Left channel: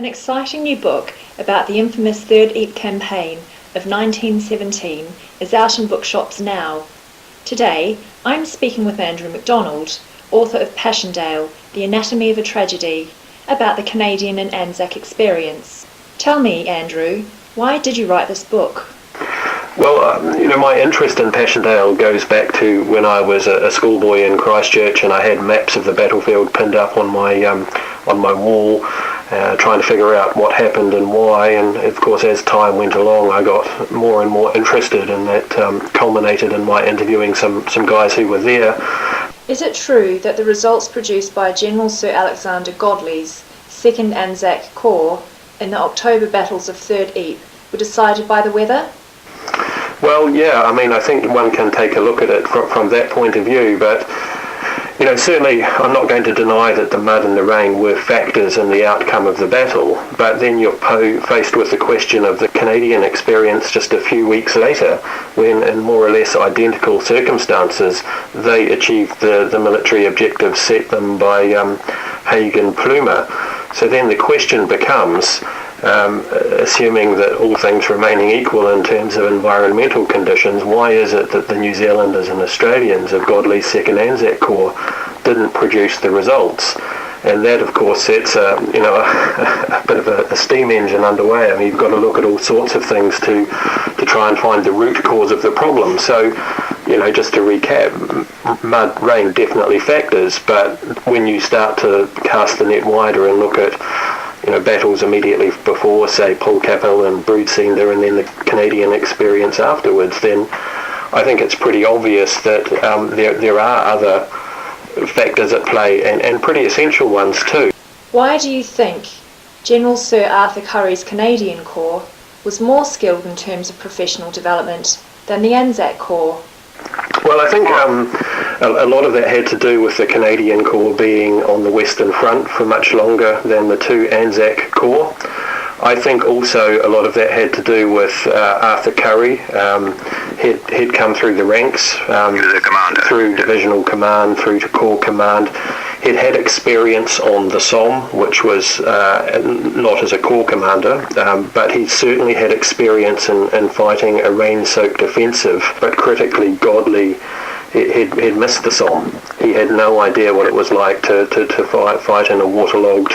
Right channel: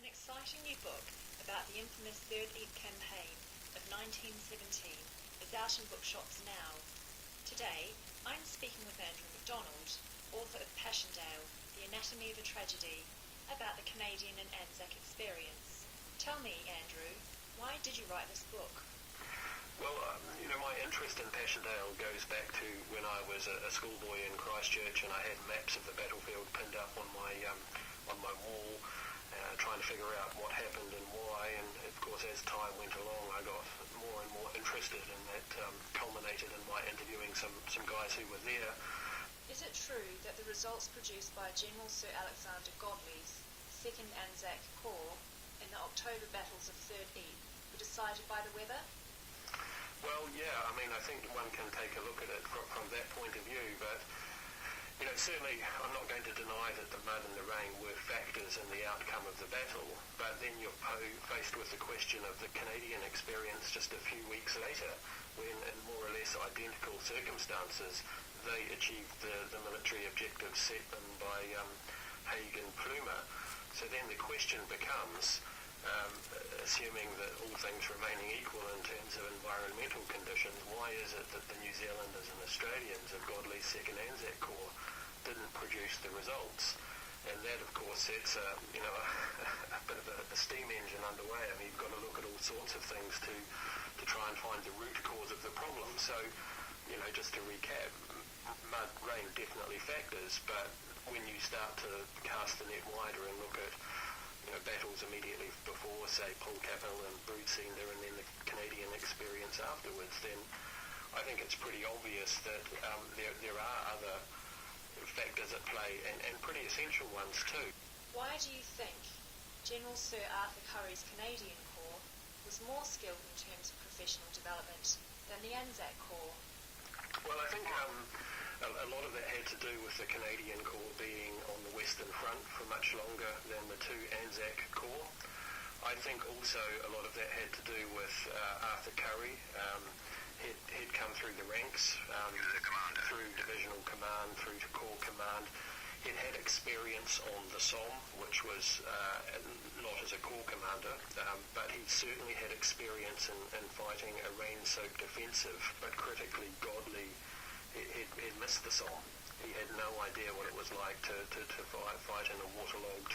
An exciting new book about the infamous Third Ypres campaign of 1917 is out in bookshops now. Today, I'm speaking with Andrew Macdonald, author of Passchendaele, The Anatomy of a Tragedy, about the Canadian and Anzac experience. Tell me, Andrew, why did you write this book? Well, my interest in Passchendaele goes back to when I was a schoolboy in Christchurch, and I had maps of the battlefield pinned up on my wall, trying to figure out what happened and why. And of course, as time went along, I got more and more interested, and that culminated in my interviewing some guys who were there. Is it true that the results produced by General Sir Alexander Godley's 2nd Anzac Corps in the October battles of Third Ypres were decided by the weather? Well, yeah, I think one can take a look at it from that point of view, but certainly I'm not going to deny that the mud and the rain were factors in the outcome of the battle, but then you're faced with the question of the Canadian experience just a few weeks later, when in more or less identical circumstances they achieved the military objectives set them by Haig and Plumer. So then the question becomes, assuming that all things remaining equal in terms of environmental conditions, why is it that the New Zealanders and Australians of Godley's 2nd Anzac Corps didn't produce the results? And that, of course, sets a bit of a steam engine underway. You've got to look at all sorts of things to try and find the root cause of the problem. So, just to recap, mud, rain definitely factors, but when you start to cast the net wider and look at battles immediately before, say, Polkapel and Broodseender, and then the Canadian experience afterwards, then I think it's pretty obvious that there are other factors at play, and pretty essential ones too. Why do you think General Sir Arthur Currie's Canadian Corps was more skilled in terms of professional development than the Anzac Corps? Well, I think a lot of that had to do with the Canadian Corps being on the Western Front for much longer than the two Anzac Corps. I think also a lot of that had to do with Arthur Currie. He'd come through the ranks, through divisional command, through to corps command. He'd had experience on the Somme, which was not as a corps commander, but he certainly had experience in fighting a rain-soaked offensive. But critically, Godley, he'd missed the Somme. He had no idea what it was like to fight in a waterlogged,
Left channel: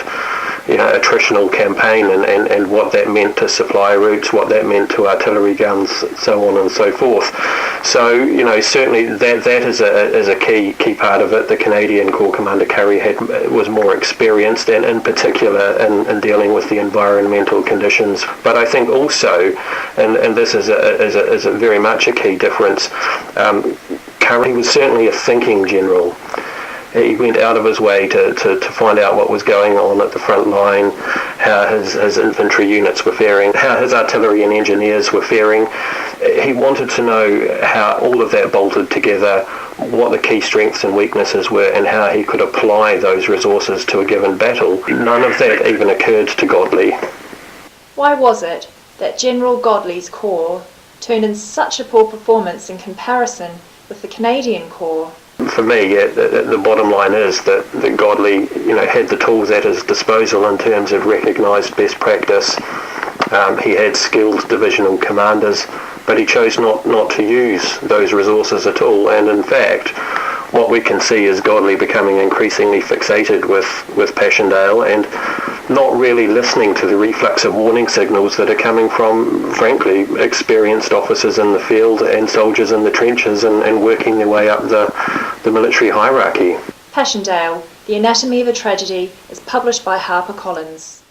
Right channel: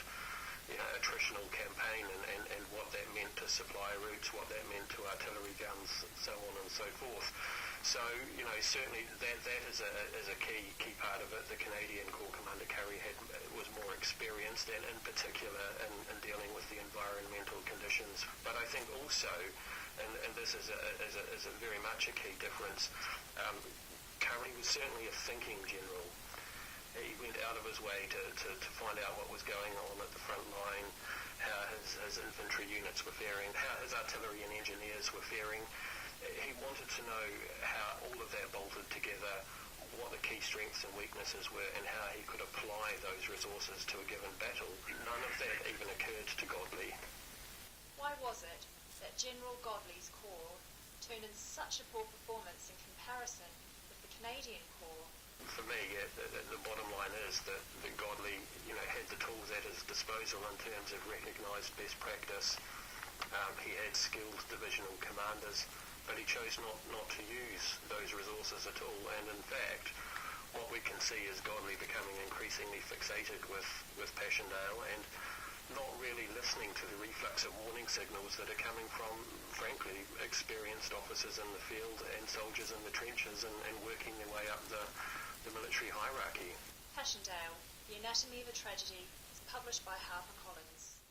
attritional campaign, and what that meant to supply routes, what that meant to artillery guns, so on and so forth. So, certainly that is a key part of it. The Canadian Corps Commander Currie was more experienced, and in particular in dealing with the environmental conditions. But I think also, and this is a very much a key difference, Currie was certainly a thinking general. He went out of his way to find out what was going on at the front line, how his infantry units were faring, how his artillery and engineers were faring. He wanted to know how all of that bolted together, what the key strengths and weaknesses were, and how he could apply those resources to a given battle. None of that even occurred to Godley. Why was it that General Godley's Corps turned in such a poor performance in comparison with the Canadian Corps? For me, the bottom line is that Godley, had the tools at his disposal in terms of recognised best practice. He had skilled divisional commanders, but he chose not to use those resources at all. And in fact, what we can see is Godley becoming increasingly fixated with Passchendaele and not really listening to the reflux of warning signals that are coming from, frankly, experienced officers in the field and soldiers in the trenches and working their way up the military hierarchy. Passchendaele, The Anatomy of a Tragedy is published by HarperCollins.